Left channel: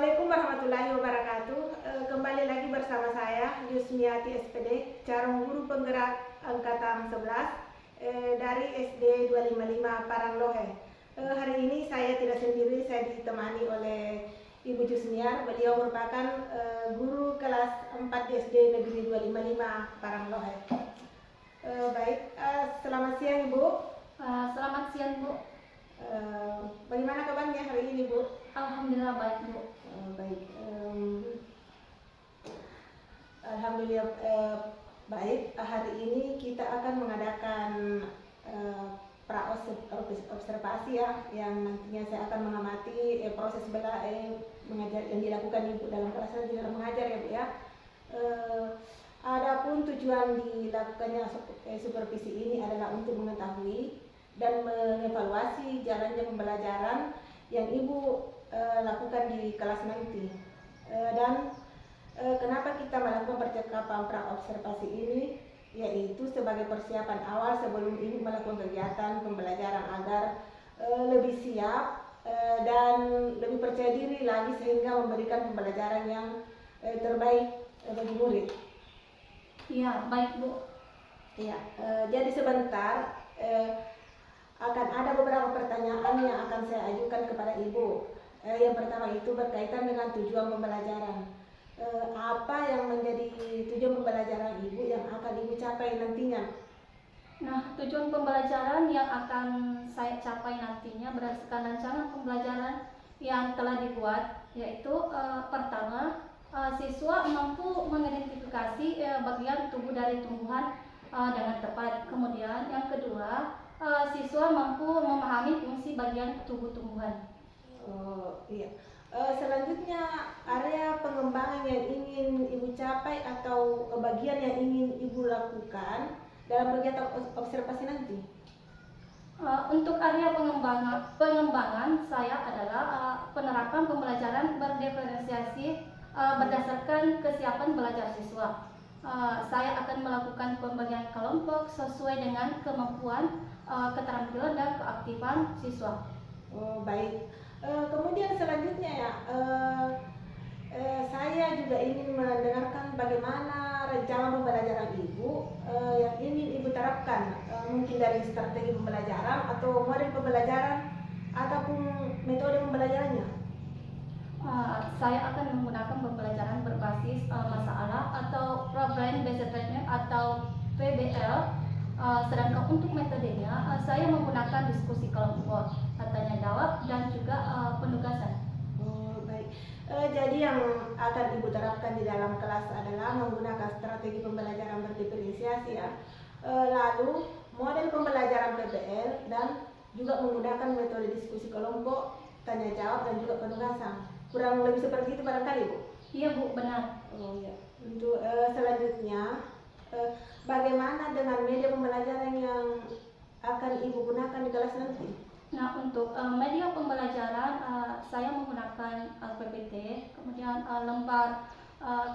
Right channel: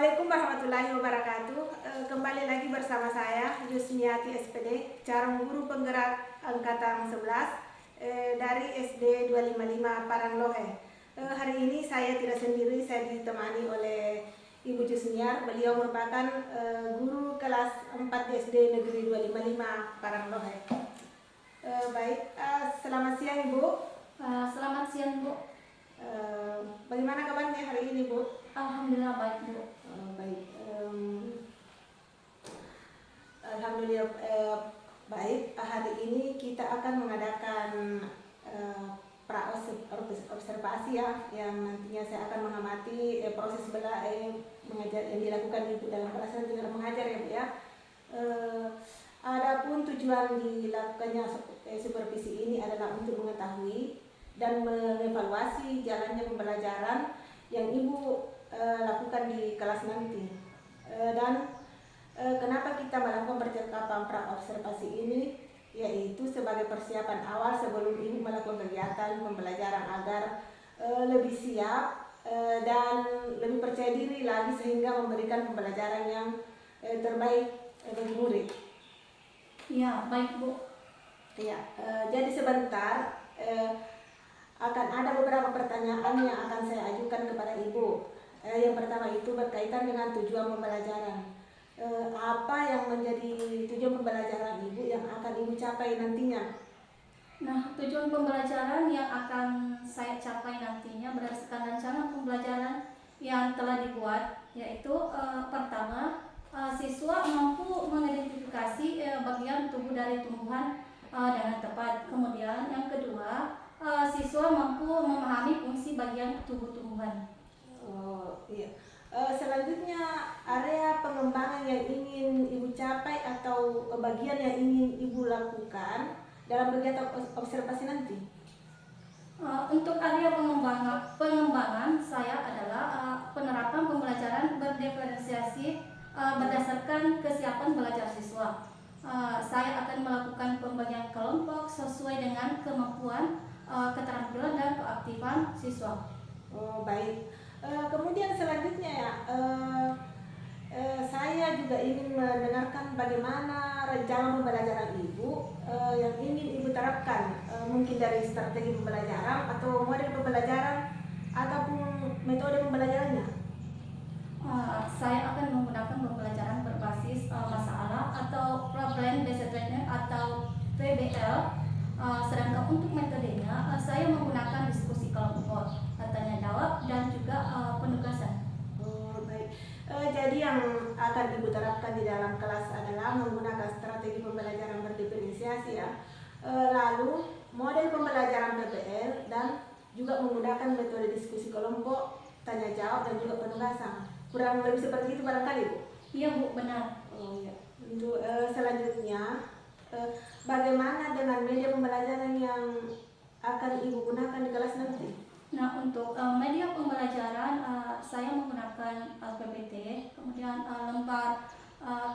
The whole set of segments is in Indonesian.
Assalamualaikum warahmatullahi wabarakatuh. Kembali lagi bersama saya Yusmiati SPD, calon guru penggerak angkatan 11 dari SD 255 Paranglohe. Hari ini saya tidak sendiri, saya ditemani oleh Ibu Jusniar. Beliau merupakan guru kelas 4 di SD Negeri 255 Paranglohe. Baik, selamat siang Ibu. Selamat siang Bu. Bagaimana kabarnya hari ini Bu? Alhamdulillah baik Bu. Baik, alhamdulillah baik. Hari ini kita akan mengadakan observasi ya, yang nantinya saya akan mengamati proses mengajar yang dilakukan Ibu dalam kelas dan dalam mengajar ya Bu ya. Adapun tujuan dilakukannya supervisi ini adalah untuk mengetahui dan mengevaluasi jalannya pembelajaran yang Ibu lakukan di kelas nanti, dan kenapa kita melakukan percakapan praobservasi ini, yaitu sebagai persiapan awal sebelum Ibu melakukan kegiatan pembelajaran agar lebih siap dan lebih percaya diri lagi sehingga memberikan pembelajaran yang terbaik bagi murid. Ya baik Bu. Ya, jadi sebentar akan ada beberapa pertanyaan yang akan saya ajukan kepada Ibu. Yang pertama itu berkaitan dengan tujuan pembelajaran. Apa yang menjadi tujuan pembelajaran Ibu yang akan Ibu capai nantinya? Nah, tujuan pembelajaran yang akan saya capai nantinya berdasarkan rencana pembelajaran yang telah dibuat, yaitu pertama, siswa mampu mengidentifikasi bagian tubuh dari tumbuhan dengan tepat. Kemudian yang kedua, siswa mampu memahami fungsi bagian tubuh tumbuhan. Oh iya. Selanjutnya, area pengembangan yang ingin Ibu capai atau bagian yang ingin Ibu lakukan dalam kegiatan observasi nanti? Untuk area pengembangan saya adalah penerapan pembelajaran berdiferensiasi berdasarkan kesiapan belajar siswa. Saya akan melakukan pembagian kelompok sesuai dengan kemampuan, keterampilan dan keaktifan siswa. Oh baik. Kemudian selanjutnya ya, saya juga ingin mendengarkan bagaimana rencana pembelajaran Ibu yang ingin Ibu terapkan, mungkin dari strategi pembelajaran atau model pembelajaran ataupun metode pembelajarannya. Saya akan menggunakan pembelajaran berbasis masalah atau problem based learning atau PBL. Sedangkan untuk metodenya saya menggunakan diskusi kelompok, tanya jawab dan juga penugasan. Oh baik. Jadi yang akan Ibu terapkan di dalam kelas adalah menggunakan strategi pembelajaran berdiferensiasi ya. Lalu model pembelajaran PBL dan juga menggunakan metode diskusi kelompok, tanya jawab dan juga penugasan. Kurang lebih seperti itu barangkali Bu? Iya Bu, benar. Oh ya. Untuk selanjutnya, bagaimana dengan media pembelajaran yang akan Ibu gunakan di kelas nanti? Nah, untuk media pembelajaran saya menggunakan PPT, kemudian lembar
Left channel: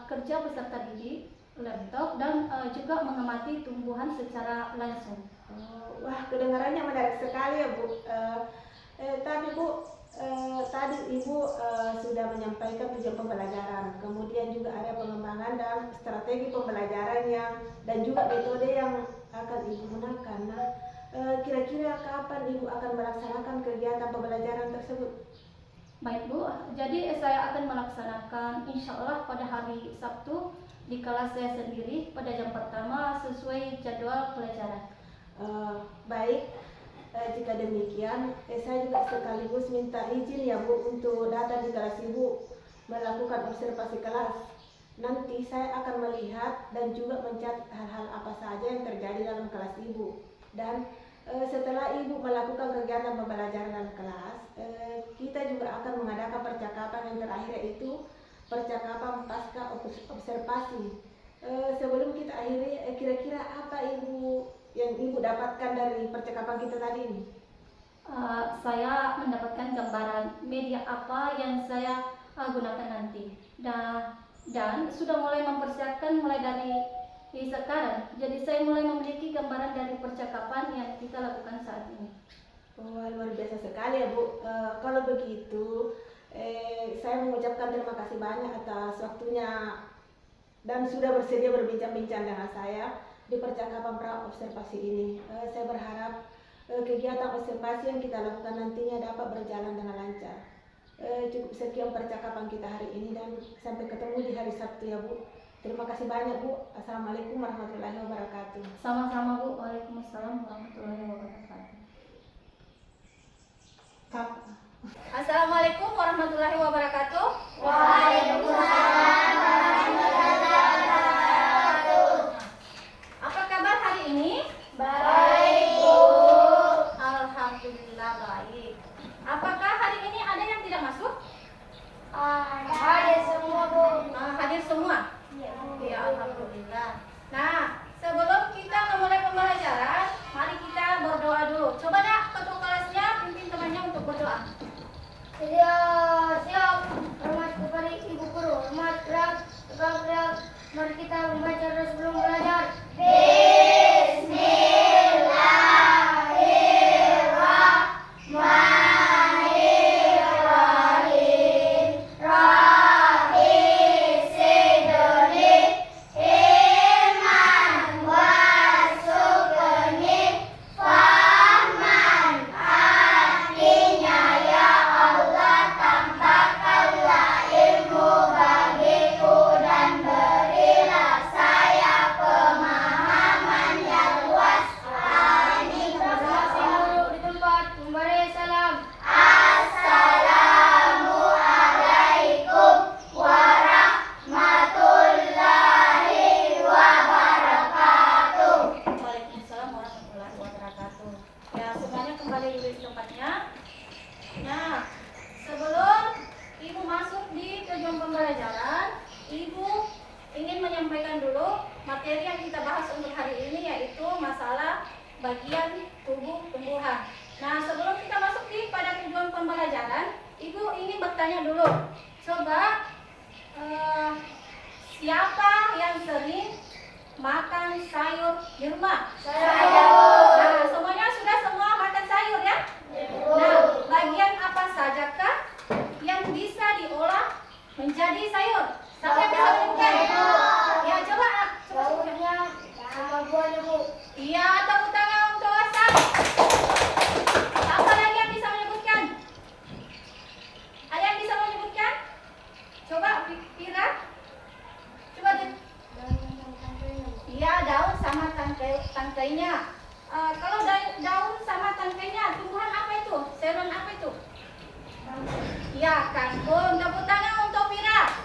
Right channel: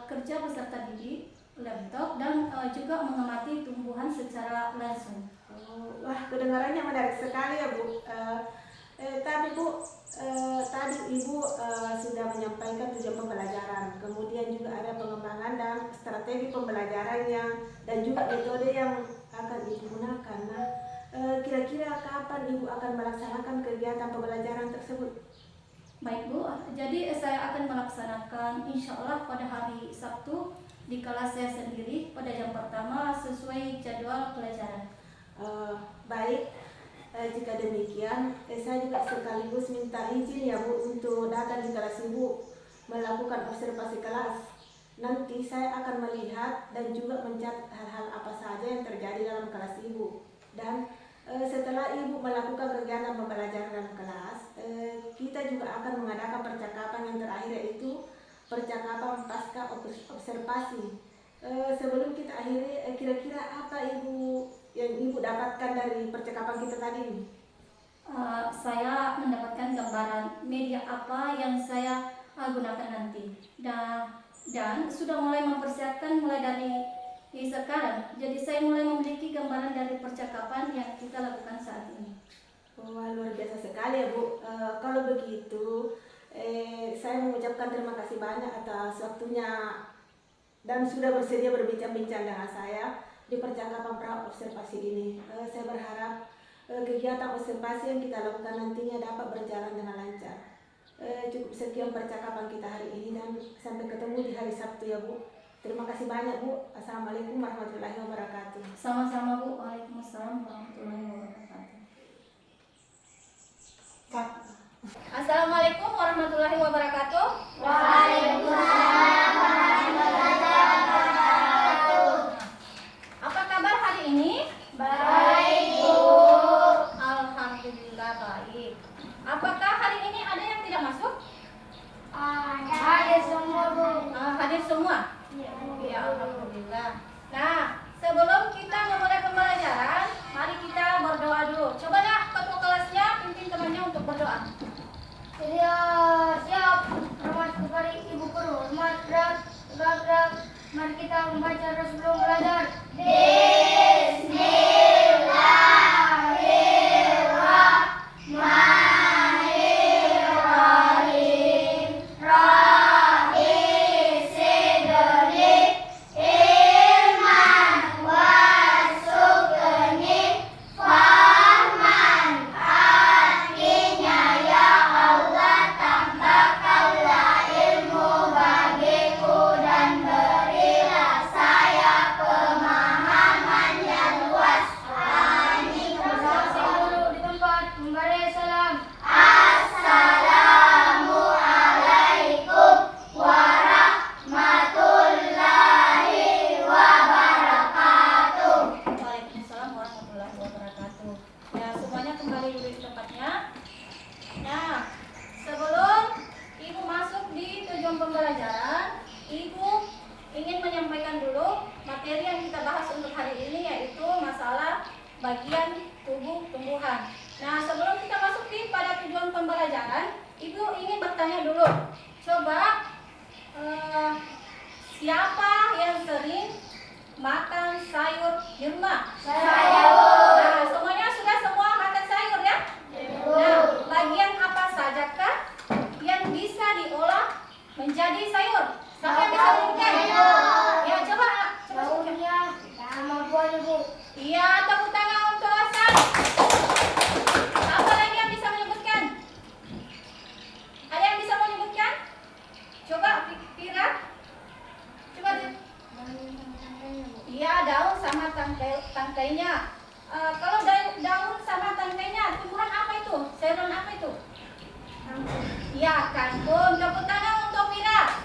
kerja peserta didik, laptop, dan juga mengamati tumbuhan secara langsung. Oh, wah, kedengarannya menarik sekali ya Bu. Tapi Bu, tadi Ibu sudah menyampaikan tujuan pembelajaran, kemudian juga ada pengembangan dan strategi pembelajaran dan juga metode yang akan Ibu gunakan. Nah, kira-kira kapan Ibu akan melaksanakan kegiatan pembelajaran tersebut? Baik Bu, jadi saya akan melaksanakan insya Allah pada hari Sabtu di kelas saya sendiri pada jam pertama sesuai jadwal pelajaran. Baik, jika demikian saya juga sekaligus minta izin ya Bu untuk datang di kelas Ibu melakukan observasi kelas. Nanti saya akan melihat dan juga mencatat hal-hal apa saja yang terjadi dalam kelas Ibu. Dan setelah Ibu melakukan kegiatan pembelajaran dalam kelas, kita juga akan mengadakan percakapan yang terakhir, yaitu percakapan pasca observasi. Sebelum kita akhiri, kira-kira apa yang Ibu dapatkan dari percakapan kita tadi ini? Saya mendapatkan gambaran media apa yang saya gunakan nanti, dan sudah mulai mempersiapkan mulai dari sekarang. Jadi saya mulai memiliki gambaran dari percakapan yang kita lakukan saat ini. Oh, luar biasa sekali ya Bu. Kalau begitu, Saya mengucapkan terima kasih banyak atas waktunya dan sudah bersedia berbincang-bincang dengan saya di percakapan pra observasi ini. Saya berharap kegiatan observasi yang kita lakukan nantinya dapat berjalan dengan lancar. Cukup sekian percakapan kita hari ini dan sampai ketemu di hari Sabtu ya Bu. Terima kasih banyak Bu. Assalamualaikum warahmatullahi wabarakatuh. Sama-sama Bu. Waalaikumsalam warahmatullahi wabarakatuh. Assalamualaikum warahmatullahi wabarakatuh. Waalaikumsalam warahmatullahi wabarakatuh. Apa kabar hari ini? Baik, Bu. Alhamdulillah baik. Apakah hari ini ada yang tidak masuk? Hadir semua, Bu. Hadir semua? Ya, alhamdulillah. Nah, sebelum kita memulai pembelajaran, mari kita berdoa dulu. Coba ya, ketua kelasnya pimpin temannya untuk berdoa. Siap. Hormat kepada Ibu Guru. Hormat gerak. Mari kita membaca doa sebelum belajar. Bismillahirrahmanirrahim. Rabbi zidni ilman warzuqni fahman. Artinya ya Allah, tambahkanlah ilmu bagiku dan berilah saya pemahaman yang luas. Amin. Duduk di tempat, memberi salam. Assalamualaikum warahmatullahi wabarakatuh. Waalaikumsalam warahmatullahi wabarakatuh. Ya, semuanya kembali duduk di tempatnya. Nah, sebelum Ibu masuk di tujuan pembelajaran, Ibu ingin menyampaikan dulu materi yang kita bahas untuk hari ini, yaitu masalah bagian tubuh tumbuhan. Nah, sebelum kita masuk pada tujuan pembelajaran, Ibu ingin bertanya dulu. Coba siapa yang sering makan sayur di rumah? Saya, Bu. Nah, semuanya sudah semua makan sayur ya? Nah, bagian apa sajakah yang bisa diolah menjadi sayur? Siapa yang bisa menyebutkan? Ya, coba sebutkan. Daunnya sama buahnya, Bu. Iya, tepuk tangan untuk Hasan. Siapa lagi yang bisa menyebutkan? Ada yang bisa menyebutkan? Coba Ira. Coba dia. Iya, daun sama tangkainya. Kalau daun sama tangkainya, tumbuhan apa itu? Sayuran apa itu? Ya, kangkung. Tepuk tangan untuk Ira.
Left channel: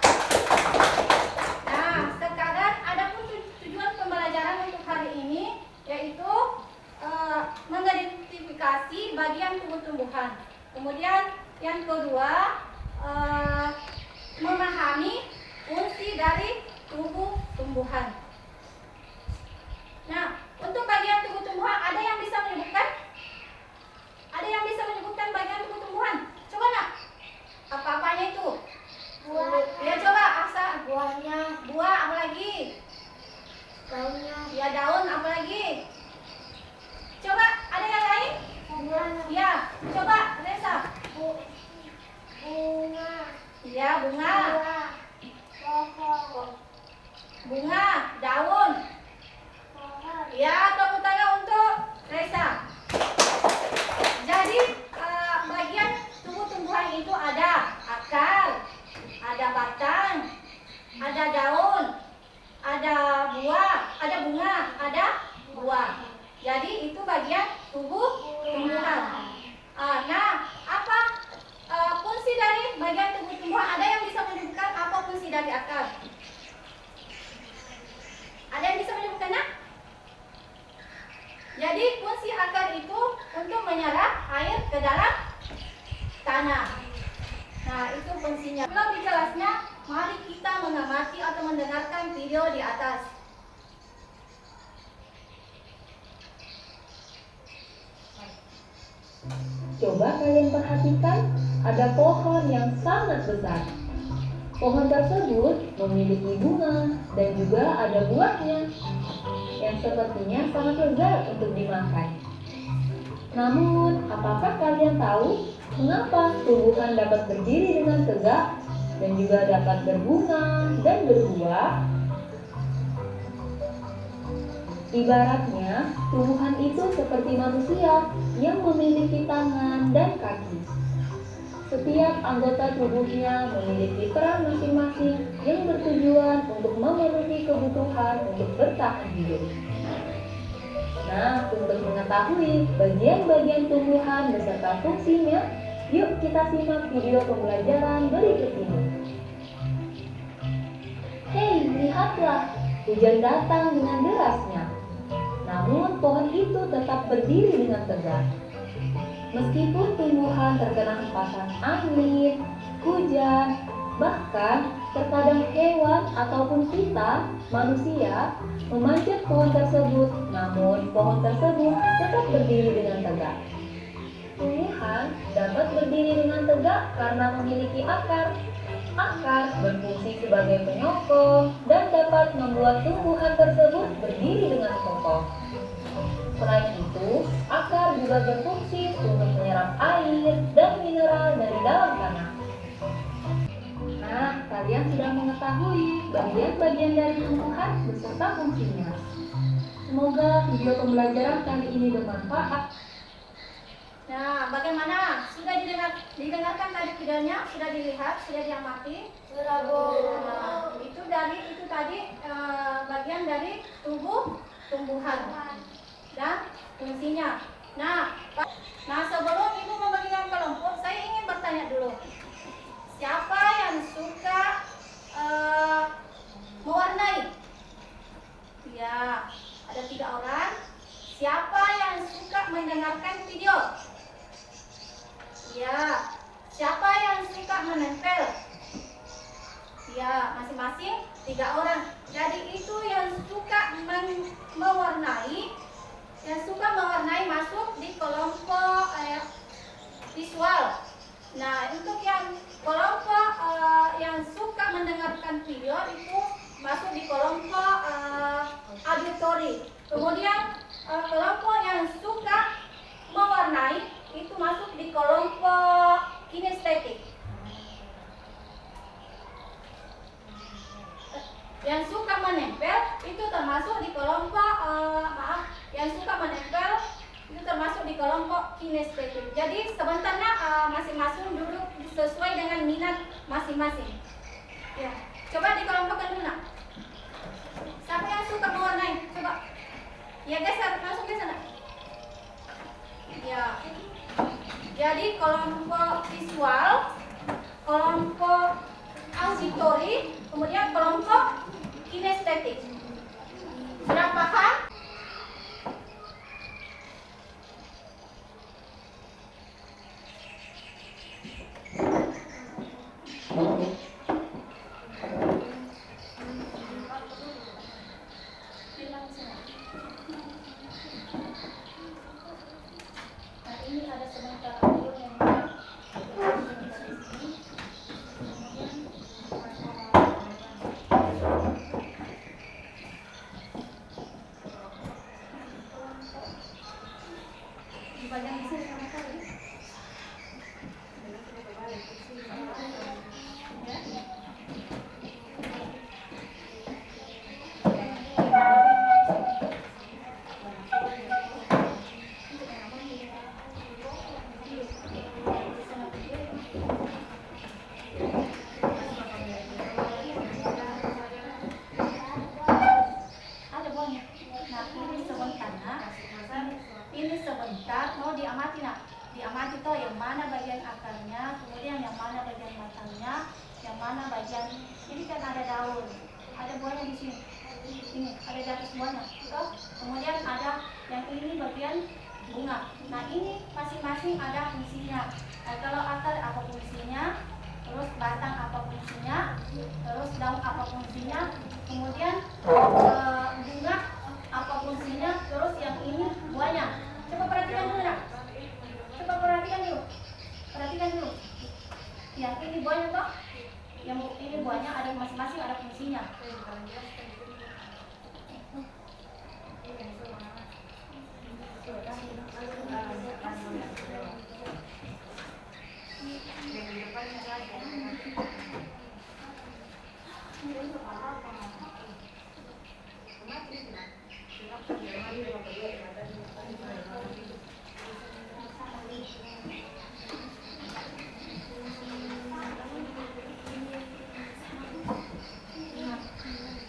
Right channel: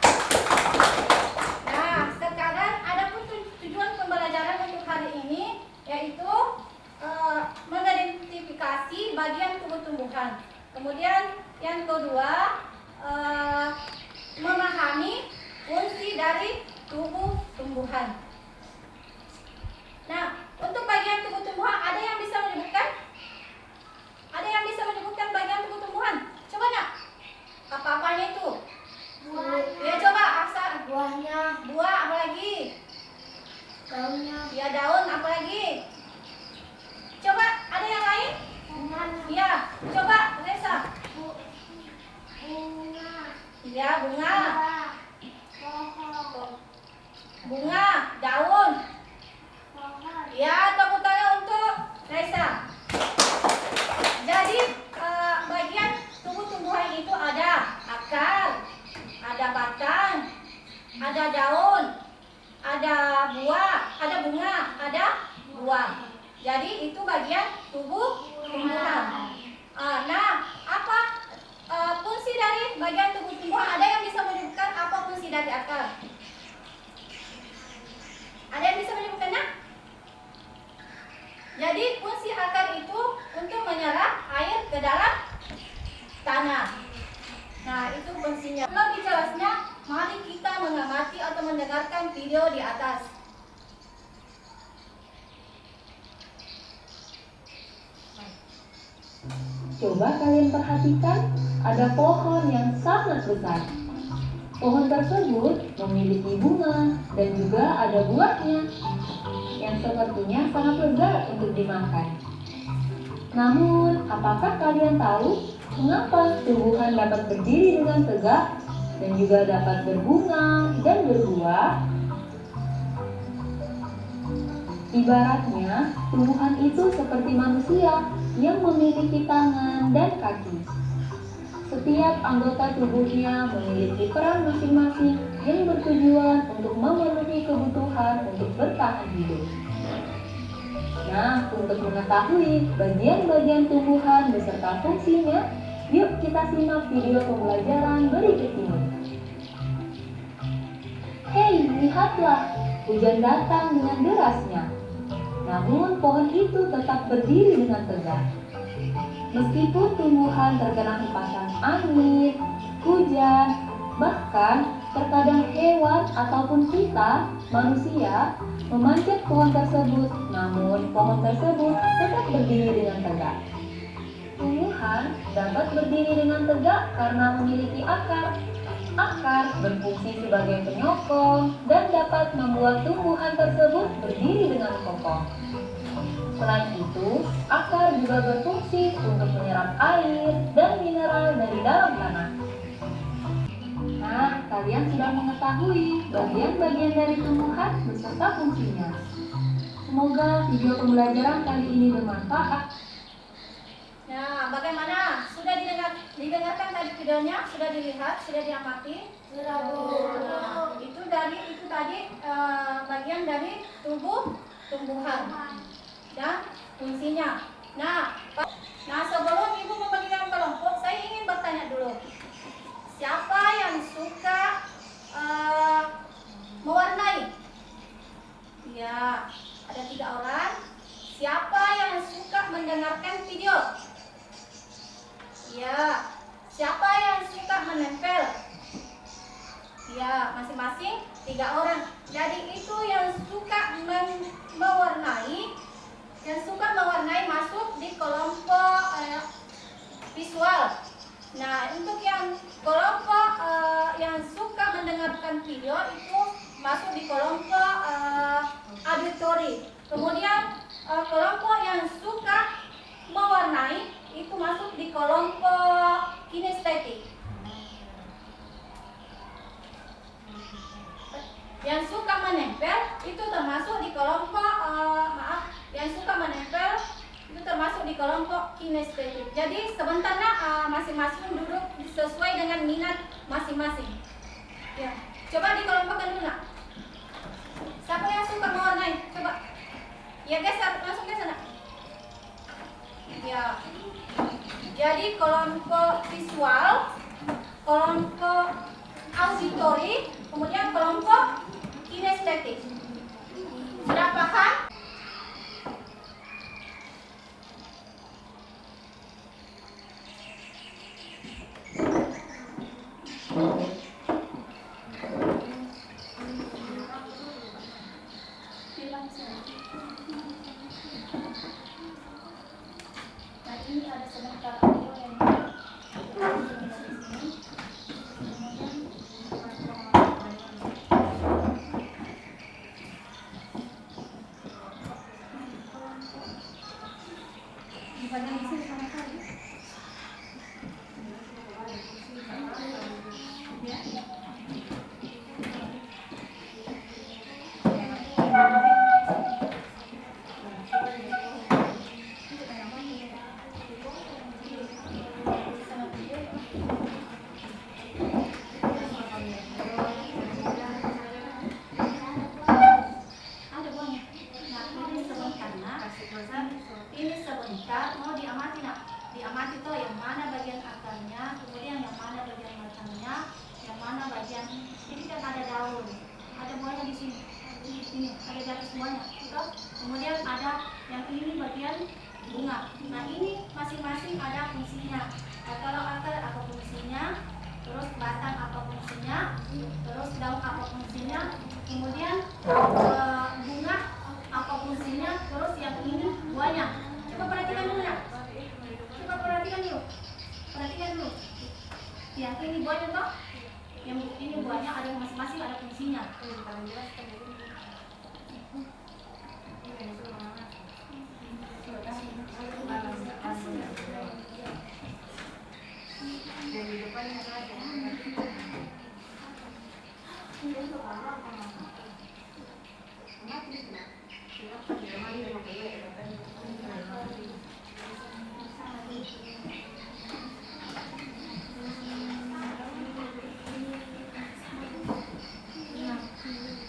Nah, sekarang ada pun tujuan pembelajaran untuk hari ini, yaitu mengidentifikasi bagian tubuh tumbuhan. Kemudian yang kedua, memahami fungsi dari tubuh tumbuhan. Nah, untuk bagian tubuh tumbuhan, ada yang bisa menyebutkan? Ada yang bisa menyebutkan bagian tubuh tumbuhan? Coba nak. Apa-apanya itu? Ya, coba Aksa. Buahnya, Buah, apa lagi? daunnya, Ya, daun, apa lagi? Coba, ada yang lain? bunganya, Ya, coba Reza. bunga, Ya, bunga. pohon, Bunga, daun. pohon. Ya, tepuk tangan untuk Reza. Jadi, bagian tubuh tumbuhan itu ada akar, ada batang, ada daun, ada buah, ada bunga, ada buah. Jadi itu bagian tubuh tumbuhan. Nah, apa fungsi dari bagian tubuh tumbuhan? Ada yang bisa menyebutkan apa fungsi dari akar? Ada yang bisa menyebutkan? Nah? Jadi fungsi akar itu untuk menyerap air ke dalam tanah. Nah, itu fungsinya. Lebih jelasnya, mari kita mengamati atau mendengarkan video di atas. Coba kalian perhatikan, ada pohon yang sangat besar. Pohon tersebut memiliki bunga dan juga ada buahnya yang sepertinya sangat lezat untuk dimakan. Namun, apakah kalian tahu Mengapa tumbuhan dapat berdiri dengan tegak dan juga dapat berbunga dan berbuah? Ibaratnya, tumbuhan itu seperti manusia yang memiliki tangan dan kaki. Setiap anggota tubuhnya memiliki peran masing-masing yang bertujuan untuk memenuhi kebutuhan untuk bertahan hidup. Nah, untuk mengetahui bagian-bagian tumbuhan beserta fungsinya, yuk kita simak video pembelajaran berikut ini. Hei, lihatlah, hujan datang dengan derasnya. Namun pohon itu tetap berdiri dengan tegak. Meskipun tumbuhan terkena hempasan angin, hujan, bahkan terkadang hewan ataupun kita, manusia, memanjat pohon tersebut, namun pohon tersebut tetap berdiri dengan tegak. Tumbuhan dapat berdiri dengan tegak karena memiliki akar. Akar berfungsi sebagai penyokong dan dapat membuat tumbuhan tersebut berdiri dengan kokoh. Selain itu, akar juga berfungsi untuk menyerap air dan mineral dari dalam tanah. Nah, kalian sudah mengetahui bagian-bagian dari tumbuhan beserta fungsinya. Semoga video pembelajaran kali ini bermanfaat. Nah, bagaimana? Sudah didengarkan tadi videonya? Sudah dilihat? Sudah diamati? Sudah, Bu. Nah, itu tadi bagian dari tumbuhan dan fungsinya. Nah, sebelum Ibu membagikan kelompok, saya ingin bertanya dulu. Siapa yang suka mewarnai? Ya, ada 3 orang. Siapa yang suka mendengarkan video? Ya. Siapa yang suka menempel? Ya, masing-masing 3 orang. Jadi itu yang suka mewarnai, masuk di kelompok visual. Nah, untuk yang kelompok yang suka mendengarkan video itu masuk di kelompok auditory. Kemudian kelompok yang suka mewarnai itu masuk di kelompok kinestetik. Yang suka menempel itu termasuk di kelompok yang suka menempel itu termasuk di kelompok kinestetik. Jadi sebentar masing-masing duduk sesuai dengan minat masing-masing. Ya, coba dikelompokkan dulu nak. Siapa yang suka mewarnai? Coba. Ya guys, langsung ke sana. Ya. Jadi kelompok visual, kelompok auditory, kemudian kelompok kinestetik. Sudah paham? Nah, ini ada sebentar audio yang mau diamati nak, diamati toh yang mana bagian akarnya, kemudian yang mana bagian batangnya, yang mana bagian, ini kan ada daun, ada buahnya di sini, ini ada jatuh semuanya, toh. Kemudian ada yang ini bagian bunga. Nah ini masing-masing ada fungsinya. Nah, kalau akar apa fungsinya, terus batang apa fungsinya, terus daun apa fungsinya, kemudian bunga apa fungsinya, terus yang ini buahnya. Coba perhatikan dulu ya. Coba perhatikan dulu. Perhatikan dulu. Ya, ini buahnya toh. Yang ini buahnya ada masing-masing ada fungsinya.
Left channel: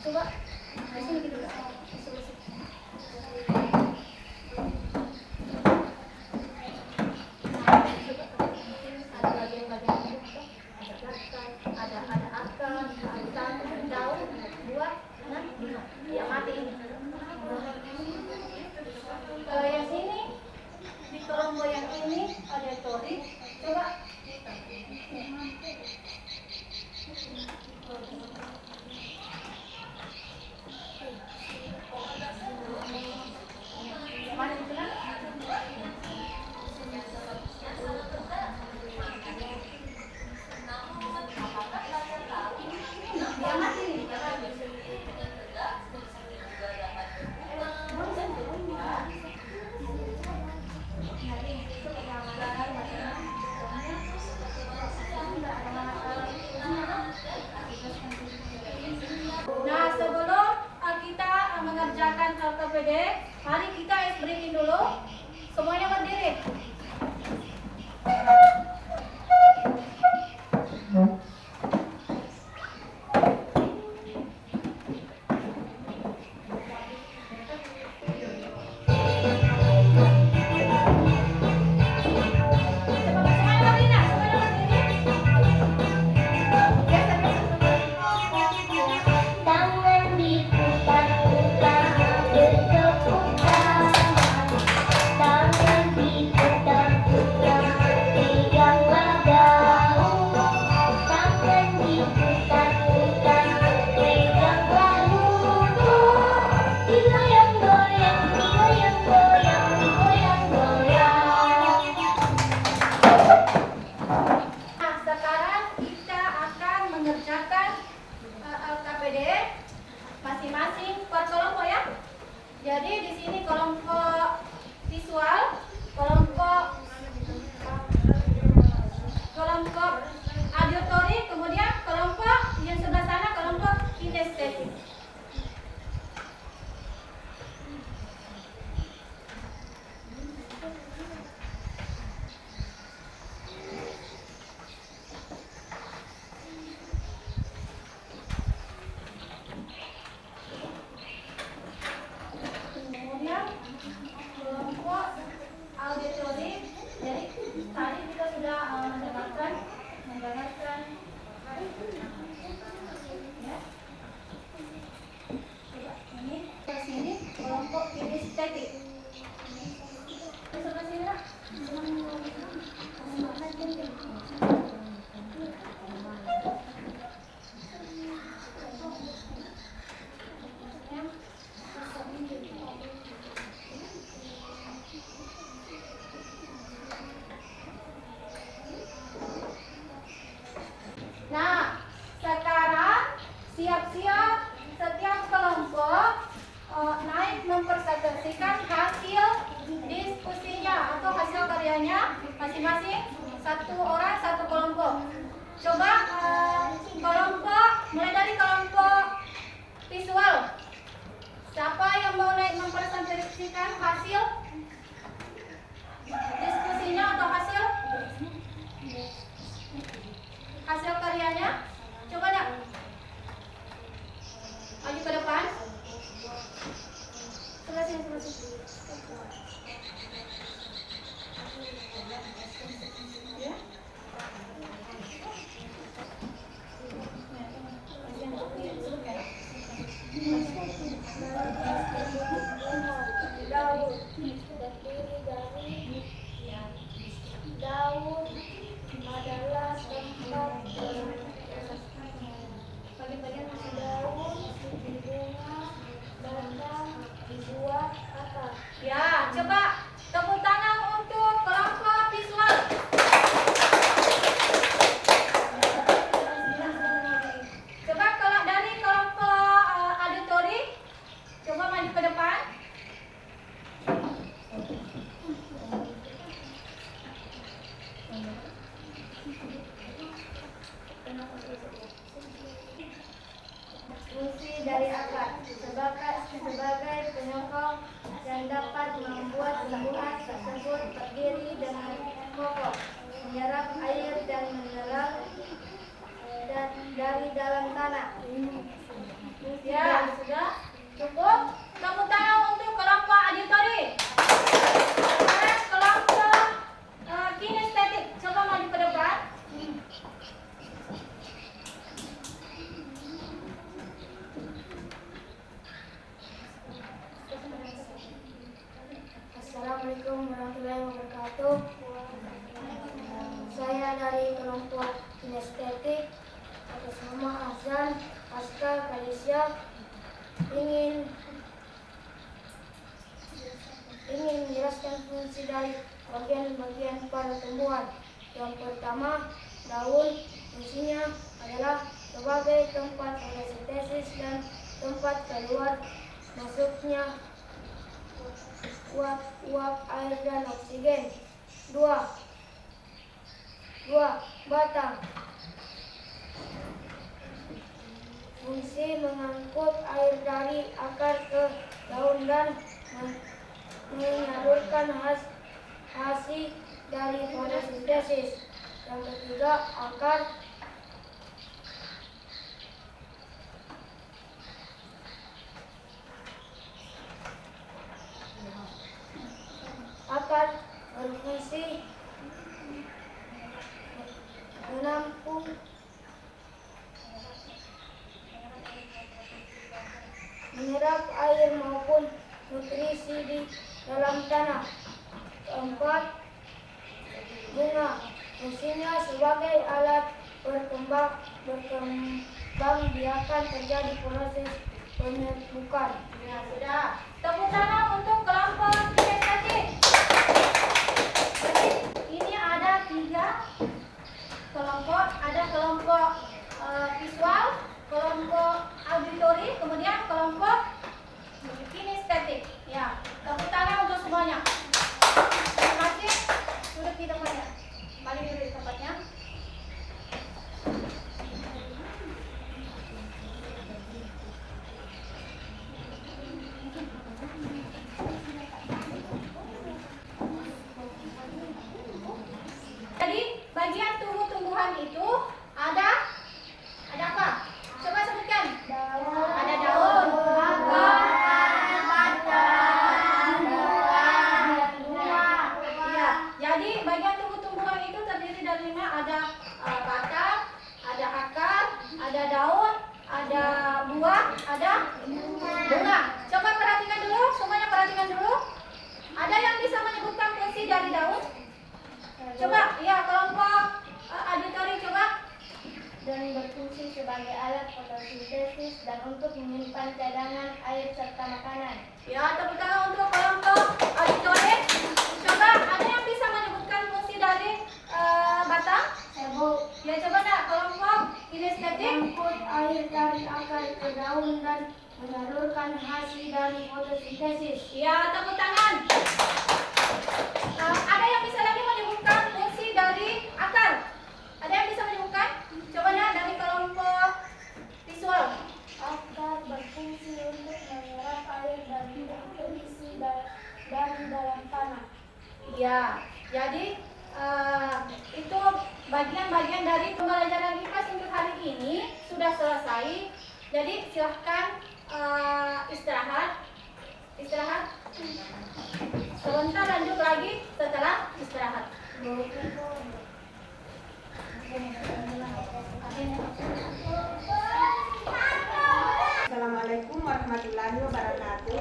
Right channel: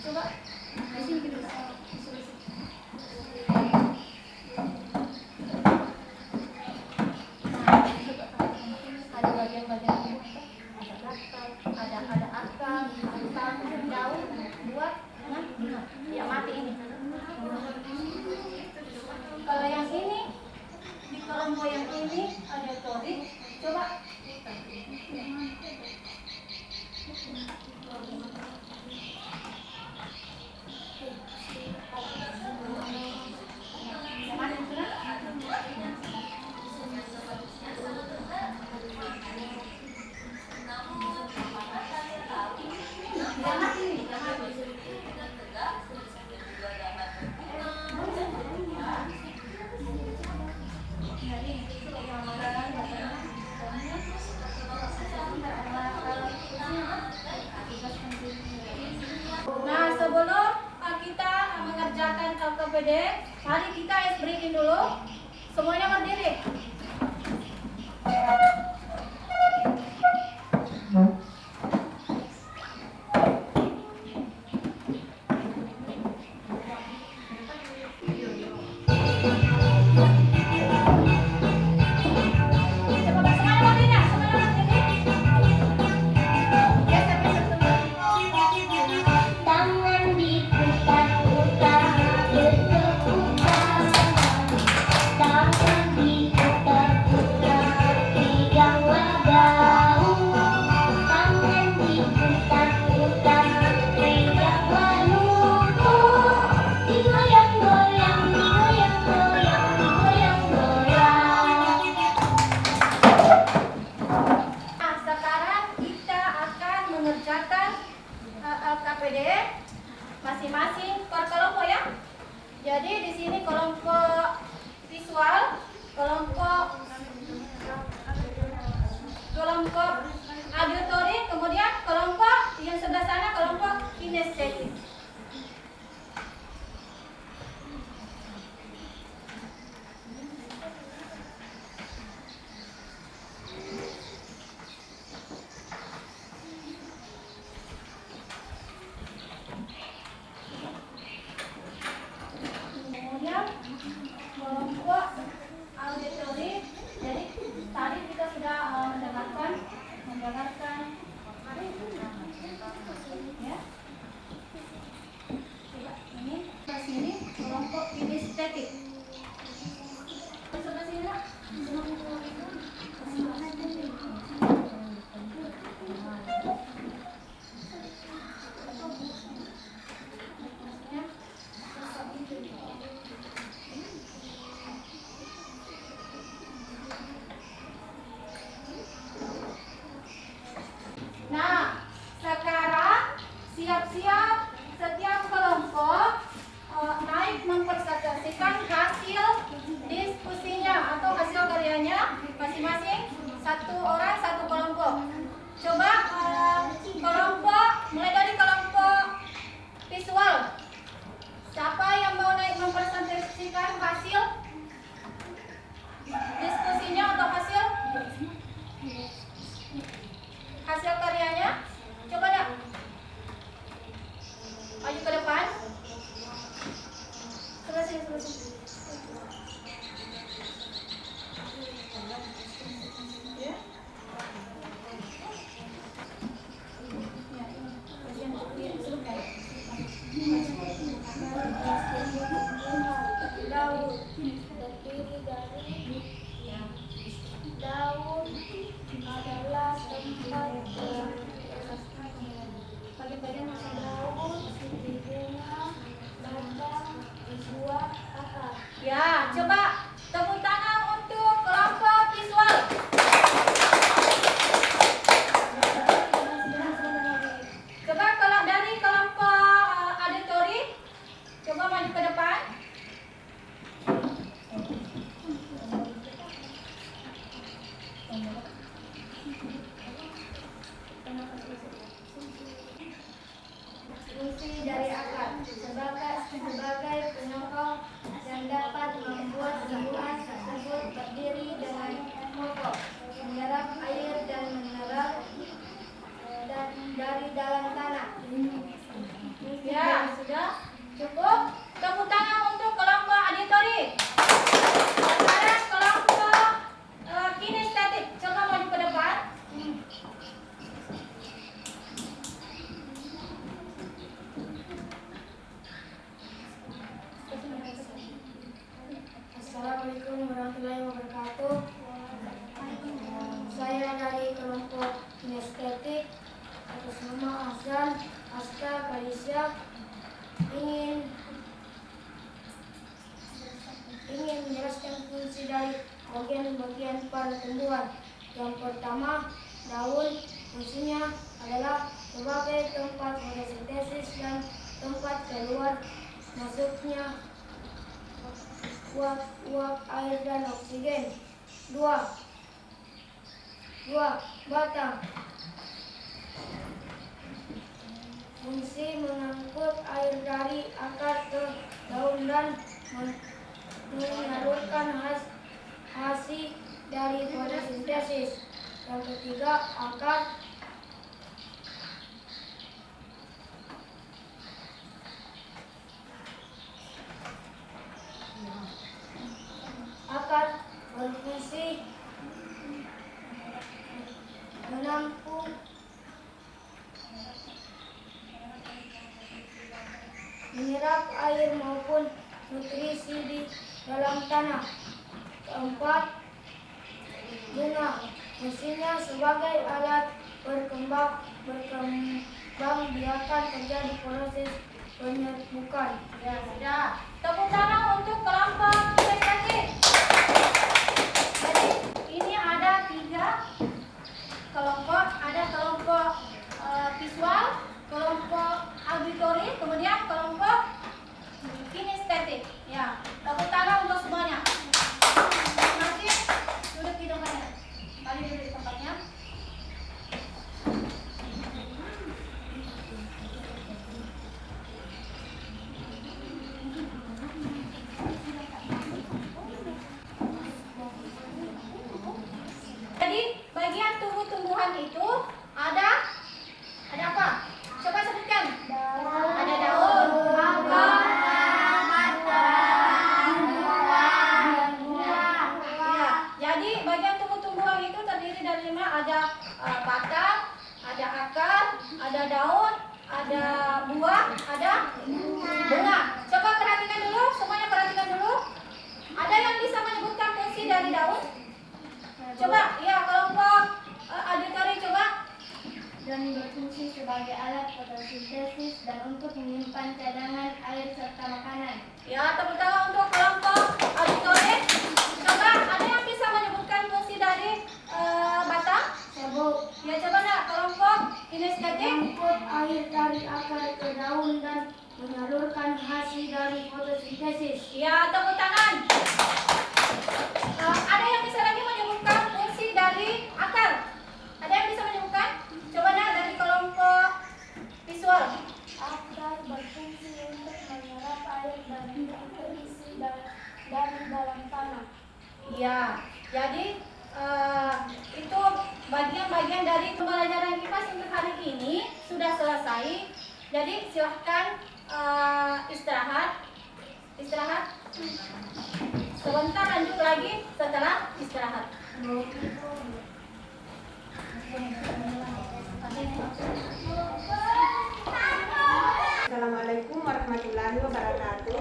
Coba di sini gitu. Ada bagian-bagian tubuh, ada akar, batang, daun, buah, ya mati ini. Kalau yang ini di kelompok yang ini ada tori, coba. Nah, sebelum kita mengerjakan LKPD, mari kita breathing dulu. Semuanya berdiri. Tangan diputar-putar bertepuk tangan. Tangan diputar-putar peganglah daun. Tangan diputar-putar peganglah lutut. Digoyang-goyang, digoyang-goyang, digoyang-goyang. Nah, sekarang kita akan mengerjakan LKPD masing-masing per kelompok ya. Jadi di sini kelompok visual, kelompok auditory, kemudian kelompok yang sebelah sana kelompok kinestetik. Kemudian kelompok auditory, jadi tadi kita sudah mendengarkan berfungsi dari akar sebagai penyokong yang dapat membuat tumbuhan tersebut berdiri dengan kokoh, menyerap air dan menyerap dari dalam tanah. Ya, sudah cukup. Tepuk tangan untuk kelompok auditori. Sekarang kelompok kinestetik. Coba maju ke depan. Assalamualaikum warahmatullahi wabarakatuh. Saya dari kelompok kinestetik atas nama Azan Aska Kalisya ingin menjelaskan fungsi dari bagian-bagian pada tumbuhan. Yang pertama, daun. Fungsinya adalah sebagai tempat fotosintesis dan tempat keluar masuknya uap air dan oksigen. Dua, batang. Fungsi mengangkut air dari akar ke daun dan menyalurkan hasil dari fotosintesis. Yang ketiga, akar. Akar berfungsi menampung menyerap air maupun nutrisi di dalam tanah. Keempat, bunga. Fungsinya sebagai alat berkembang biarkan terjadi proses penyerbukan. Ya, sudah. Tepuk tangan untuk kelompok kinestetik. Jadi ini ada 3 kelompok. Ada kelompok visual, kelompok auditori, kemudian kelompok kinestetik. Ya, tepuk tangan untuk semuanya. Terima kasih. Duduk di tempatnya. Kembali duduk di tempatnya. Jadi bagian tumbuh-tumbuhan itu ada apa? Coba sebutkan. Ada daun, akar, ya. Jadi bagian tumbuh-tumbuhan itu terdiri dari 5. Ada batang, ada akar, ada daun, ada buah, ada bunga. Coba perhatikan dulu, semuanya perhatikan dulu. Ada yang bisa menyebutkan fungsi dari daun? Coba, ya kelompok auditori coba. Dan berfungsi sebagai alat fotosintesis dan untuk menyimpan cadangan air serta makanan. Ya, tepuk tangan untuk kelompok auditori. Coba, ada yang bisa menyebutkan fungsi dari batang? Serbuk. Ya, coba nak kelompok kinestetik. Mengangkut air dari akar ke daun dan menyalurkan hasil dari fotosintesis. Ya, tepuk tangan. Ada yang bisa lagi menyebutkan fungsi dari akar? Ada yang bisa menyebutkan? Coba nak dari kelompok visual. Akar berfungsi untuk menyerap air dan nutrisi dari dalam tanah. Ya, jadi itu bagian-bagian dari pembelajaran IPA untuk hari ini sudah selesai. Jadi silahkan istirahat. Sebentar lanjut lagi setelah istirahat. Assalamualaikum warahmatullahi wabarakatuh.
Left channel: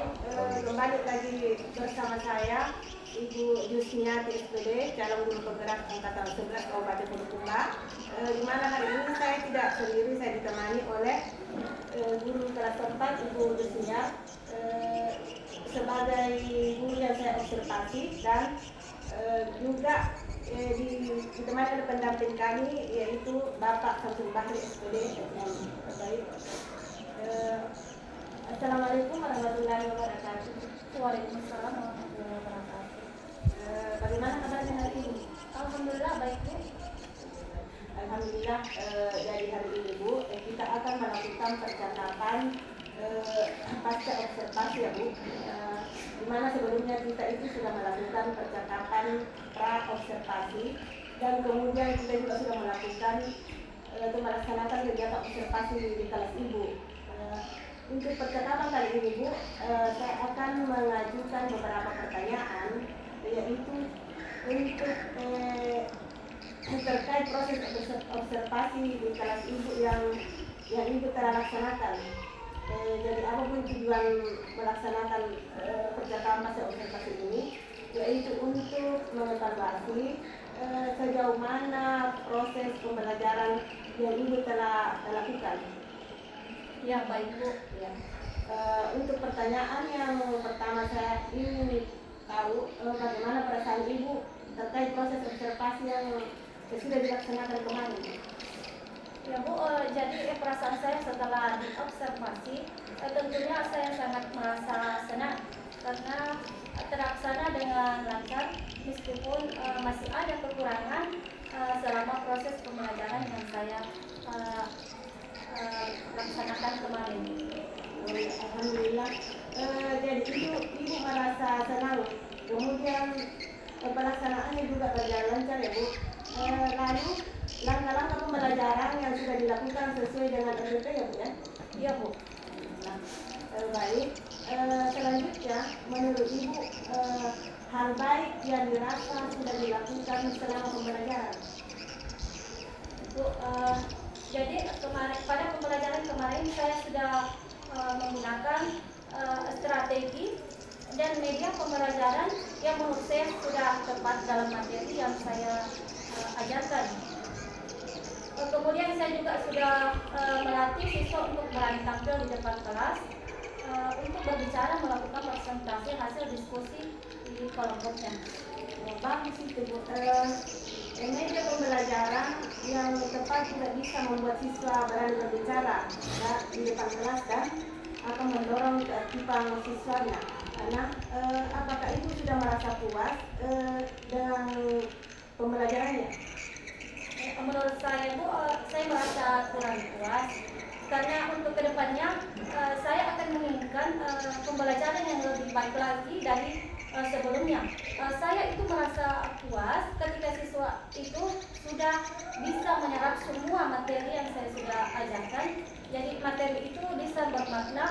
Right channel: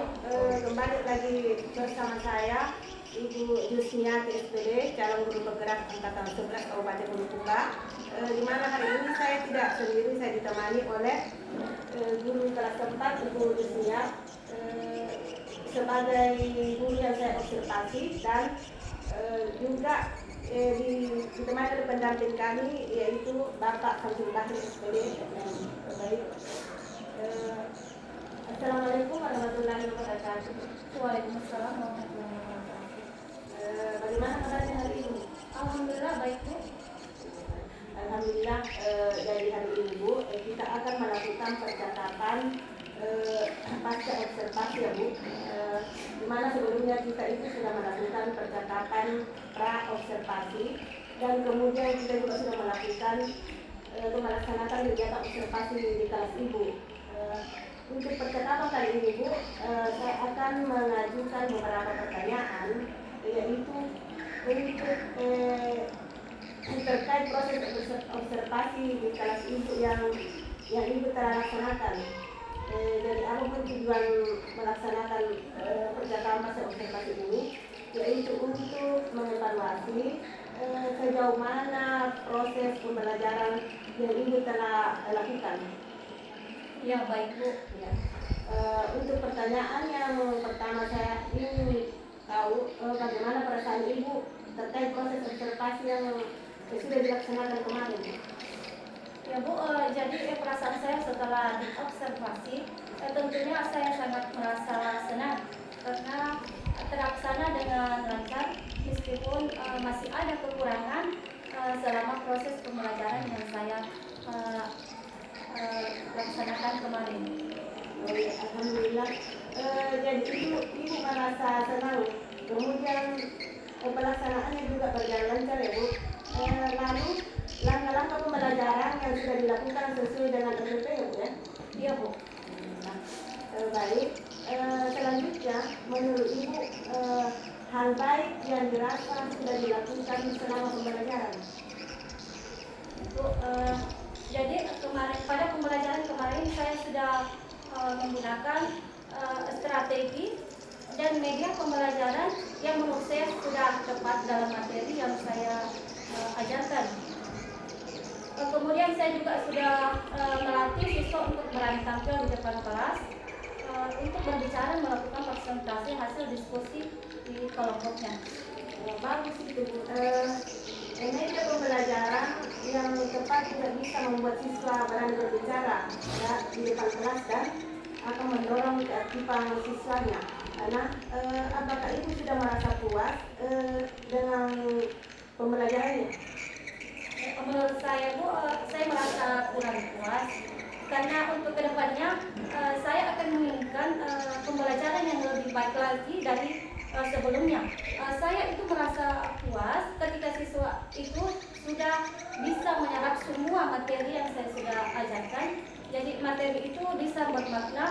Kembali lagi bersama saya Ibu Yusnia TSPD, calon guru penggerak angkatan 11 Kabupaten Bulukumba. Di mana hari ini saya tidak sendiri, saya ditemani oleh guru kelas 4 Ibu Yusnia sebagai guru yang saya observasi, dan juga ditemani oleh pendamping kami yaitu Bapak Samsul Bahri SPD. Baik. Assalamualaikum warahmatullahi wabarakatuh. Waalaikumsalam warahmatullahi wabarakatuh. Bagaimana kabarnya hari ini? Alhamdulillah baik Bu. Alhamdulillah, dari hari ini Bu, kita akan melakukan percakapan pasca observasi ya Bu, di mana sebelumnya kita itu sudah melakukan percakapan pra observasi dan kemudian kita juga sudah melakukan untuk melaksanakan kegiatan observasi di kelas Ibu. Untuk percakapan kali ini Bu, saya akan mengajukan beberapa pertanyaan, yaitu untuk terkait proses observasi di kelas Ibu yang Ibu telah laksanakan. Jadi apapun tujuan melaksanakan percakapan pasca observasi ini, yaitu untuk mengevaluasi sejauh mana proses pembelajaran yang Ibu telah lakukan. Ya, baik Bu. Ya. Untuk pertanyaan yang pertama, saya ingin tahu bagaimana perasaan Ibu terkait proses observasi yang sudah dilaksanakan kemarin. Ya Bu, jadi perasaan saya setelah diobservasi, tentunya saya sangat merasa senang karena terlaksana dengan lancar meskipun masih ada kekurangan selama proses pembelajaran yang saya laksanakan kemarin. Alhamdulillah. Jadi Ibu merasa senang, kemudian pelaksanaannya juga berjalan lancar ya Bu. Lalu langkah-langkah pembelajaran yang sudah dilakukan sesuai dengan SOP ya Bu ya? Iya Bu. Baik. Selanjutnya menurut Ibu hal baik yang dirasa sudah dilakukan selama pembelajaran. Bu, jadi kemarin pada pembelajaran kemarin saya sudah menggunakan strategi dan media pembelajaran yang menurut saya sudah tepat dalam materi yang saya ajarkan. Kemudian saya juga sudah melatih siswa untuk berani tampil di depan kelas untuk berbicara, melakukan presentasi hasil diskusi di kelompoknya. Bagus itu Bu. Media pembelajaran yang tepat juga bisa membuat siswa berani berbicara ya, di depan kelas dan akan mendorong keaktifan siswanya. Karena apakah Ibu sudah merasa puas dengan pembelajarannya? Menurut saya Bu, saya merasa kurang puas karena untuk kedepannya saya akan menginginkan pembelajaran yang lebih baik lagi dari sebelumnya. Saya itu merasa puas ketika siswa itu sudah bisa menyerap semua materi yang saya sudah ajarkan. Jadi materi itu bisa bermakna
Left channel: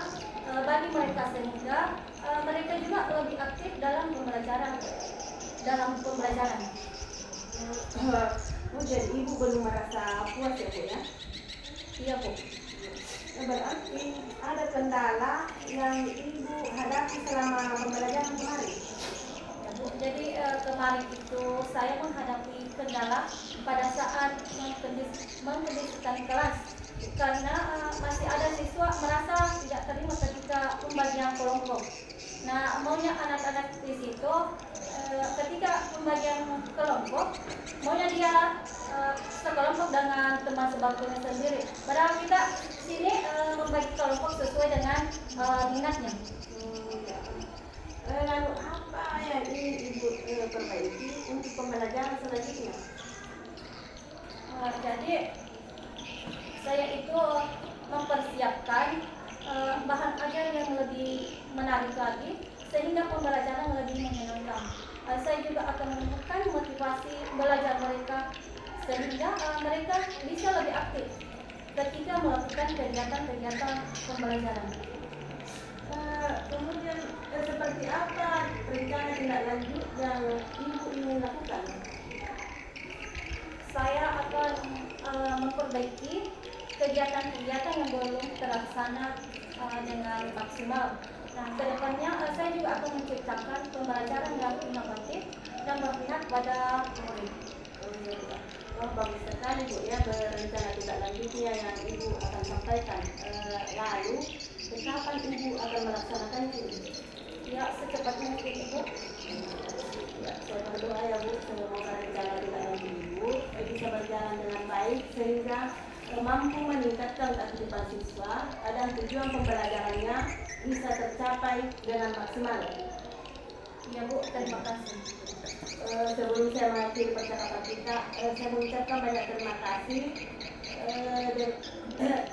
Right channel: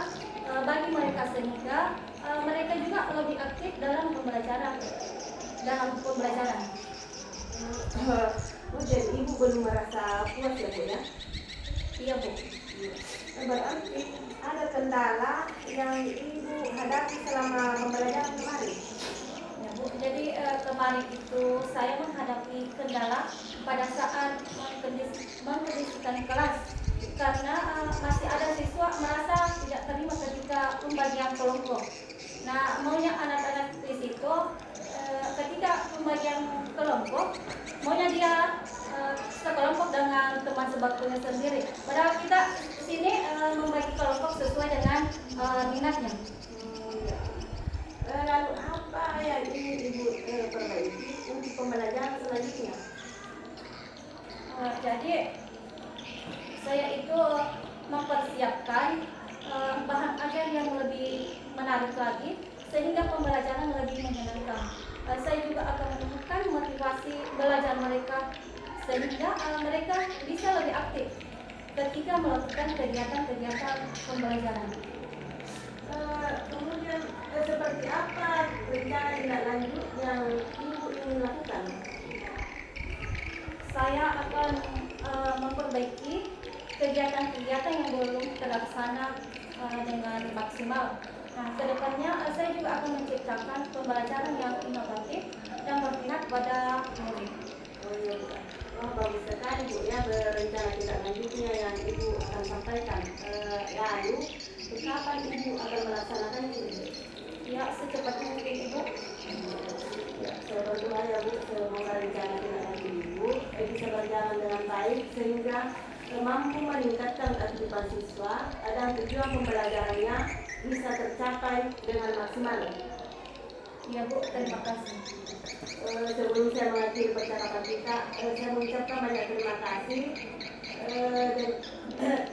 bagi mereka sehingga mereka juga lebih aktif dalam pembelajaran. Jadi Ibu belum merasa puas ya Bu ya? Iya Bu. Berarti ada kendala yang Ibu hadapi selama pembelajaran kemarin? Ya Bu, jadi kemarin itu saya menghadapi kendala pada saat mengkondisikan kelas karena masih ada siswa merasa tidak terima ketika pembagian kelompok. Nah, maunya anak-anak di situ ketika pembagian kelompok, maunya dia sekelompok dengan teman sebakunya sendiri. Padahal kita sini membagi kelompok sesuai dengan minatnya. Lalu apa yang ingin Ibu perbaiki untuk pembelajaran selanjutnya? Jadi saya itu mempersiapkan bahan ajar yang lebih menarik lagi sehingga pembelajaran lebih menyenangkan. Saya juga akan menemukan motivasi belajar mereka sehingga mereka bisa lebih aktif ketika melakukan kegiatan-kegiatan pembelajaran. Kemudian seperti apa rencana tindak lanjut yang Ibu ingin lakukan? Saya akan memperbaiki kegiatan-kegiatan yang belum terlaksana dengan maksimal. Nah, kedepannya saya juga akan menciptakan pembelajaran yang inovatif dan berpihak pada murid. Bagus sekali Bu ya, berencana tindak lanjutnya yang Ibu akan sampaikan. Lalu kapan Ibu akan melaksanakan itu? Ya, secepat mungkin Ibu. Ya, saya berdoa ya Bu, semoga rencana tindak lanjut Ibu bisa berjalan dengan baik sehingga mampu meningkatkan aktivitas siswa dan tujuan pembelajarannya bisa tercapai dengan maksimal. Ya Bu, terima kasih. Sebelum saya mengakhiri percakapan kita, saya mengucapkan banyak terima kasih dan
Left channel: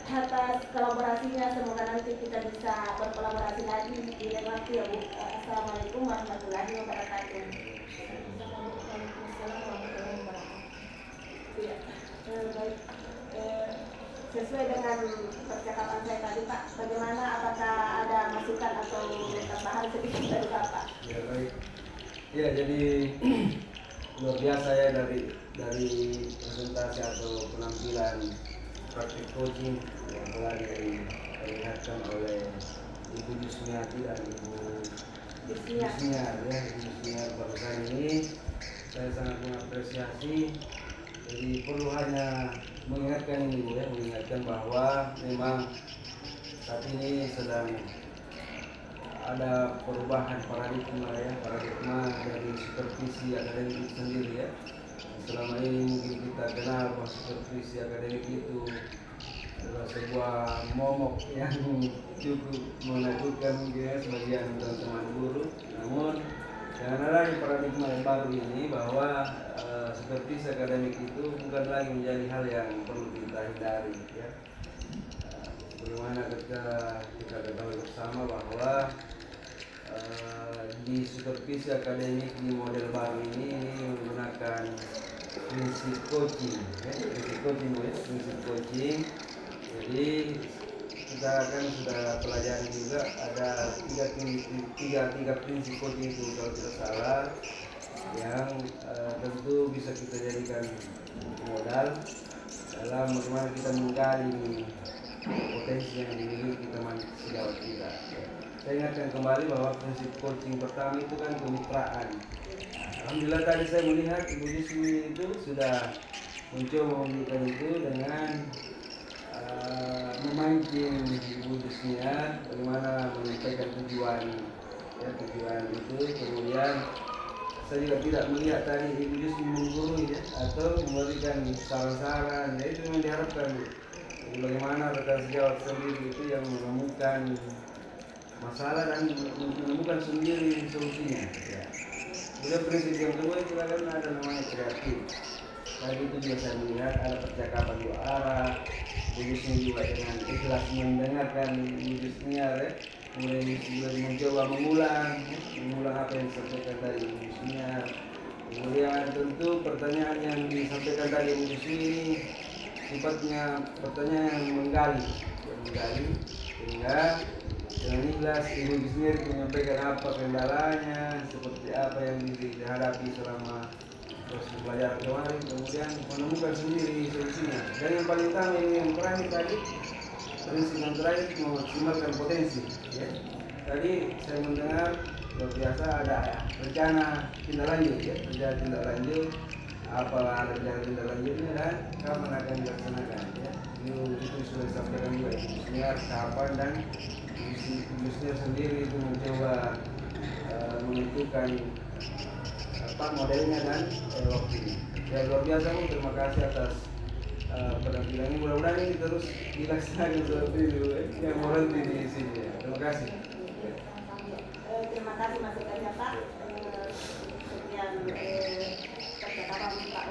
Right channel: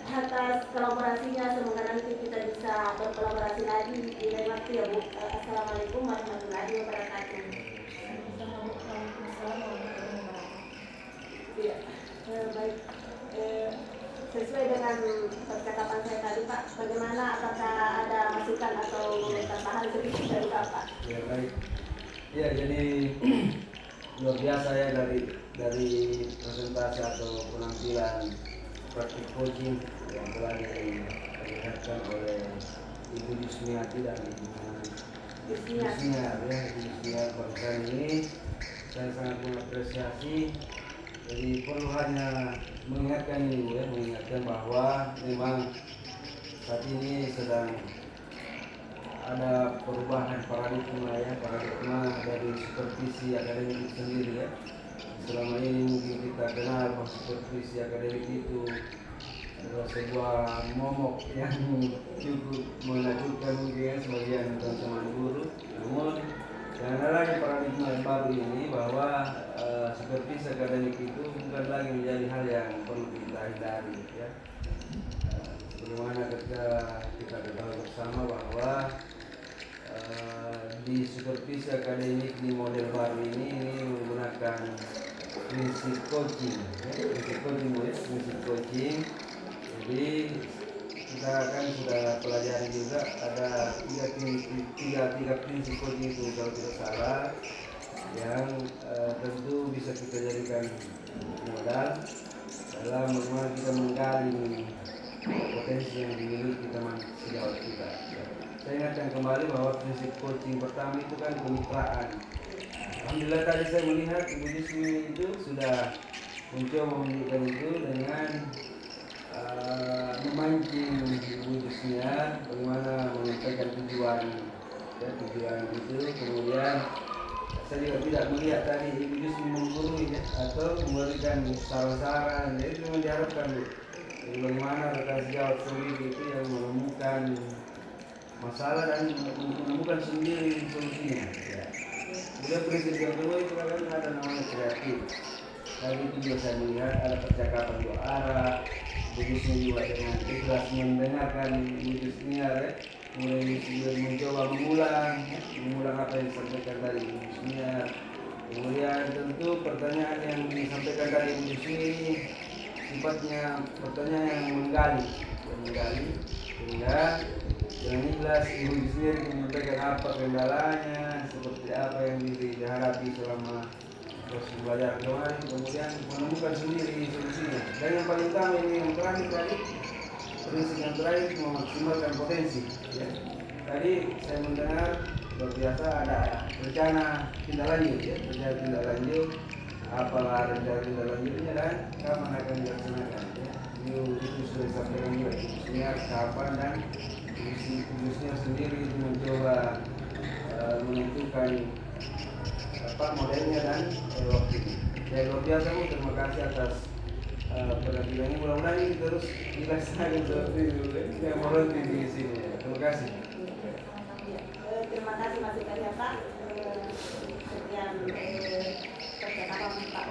atas kolaborasinya, semoga nanti kita bisa berkolaborasi lagi di lain waktu ya Bu. Assalamualaikum warahmatullahi wabarakatuh. Waalaikumsalam warahmatullahi wabarakatuh. Ya, baik. Sesuai dengan percakapan saya tadi Pak, bagaimana, apakah ada masukan atau tambahan sedikit dari Bapak? Ya baik. Ya jadi luar biasa ya dari presentasi atau penampilan praktik coaching yang telah diperlihatkan oleh Ibu Yusniati dan Ibu Yusniar ya. Ibu Yusniar pada ini saya sangat mengapresiasi. Jadi perlu hanya mengingatkan ini ya, mengingatkan bahwa memang saat ini sedang ada perubahan paradigma dari supervisi akademik sendiri ya. Selama ini mungkin kita kenal bahwa supervisi akademik itu adalah sebuah momok yang cukup menakutkan mungkin ya, sebagian teman-teman guru. Namun dengan adanya paradigma yang baru ini bahwa supervisi akademik itu bukan lagi menjadi hal yang perlu kita hindari ya. Bagaimana kita ketahui bersama bahwa di supervisi akademik di model baru ini menggunakan prinsip coaching ya, prinsip coaching. Jadi kita kan sudah pelajari juga ada tiga prinsip coaching itu kalau tidak salah, yang tentu bisa kita jadikan modal dalam bagaimana kita menggali potensi yang dimiliki teman sejawat kita ya. Saya ingatkan kembali bahwa prinsip coaching pertama itu kan kemitraan. Alhamdulillah tadi saya melihat Ibu Yusni itu sudah mencoba memberikan itu dengan memancing Ibu Yusnia bagaimana menyampaikan tujuan itu. Kemudian saya juga tidak melihat tadi Ibu Yusni menggurui ya, atau memberikan saran-saran ya, itu yang diharapkan Bu. Jadi bagaimana rekan sejawat sendiri itu yang menemukan masalah dan menemukan sendiri solusinya ya. Kemudian prinsip yang kedua itu kan ada namanya kreatif. Tadi itu juga saya melihat ada percakapan dua arah. Begusnya juga dengan ikhlas mendengarkan Yusnia ya. Kemudian Yusnia mencoba mengulang apa yang disampaikan dari Yusnia. Kemudian tentu pertanyaan yang disampaikan dari Yusnia ini sifatnya pertanyaan yang menggali sehingga dengan ikhlas Ibu Yusnia menyampaikan apa kendalanya, seperti apa yang dihadapi selama proses belajar kemarin, kemudian menemukan sendiri solusinya. Dan yang paling utama ini yang terakhir tadi, prinsip yang terakhir memaksimalkan potensi ya. Tadi saya mendengar luar biasa ada rencana tindak lanjut ya, tindak lanjut apa ada tindak lanjutnya dan kapan akan dilaksanakan ya. Itu sudah disampaikan juga Yusnia kapan, dan Yusnia sendiri itu mencoba menentukan modelnya dan waktunya. Ya luar biasa Bu, terima kasih atas penampilan ini. Mudah-mudahan ini terus dilaksanakan seperti itu yang berhenti di sini ya. Terima kasih. Terima kasih masukannya Pak. Sekian percakapan Pak.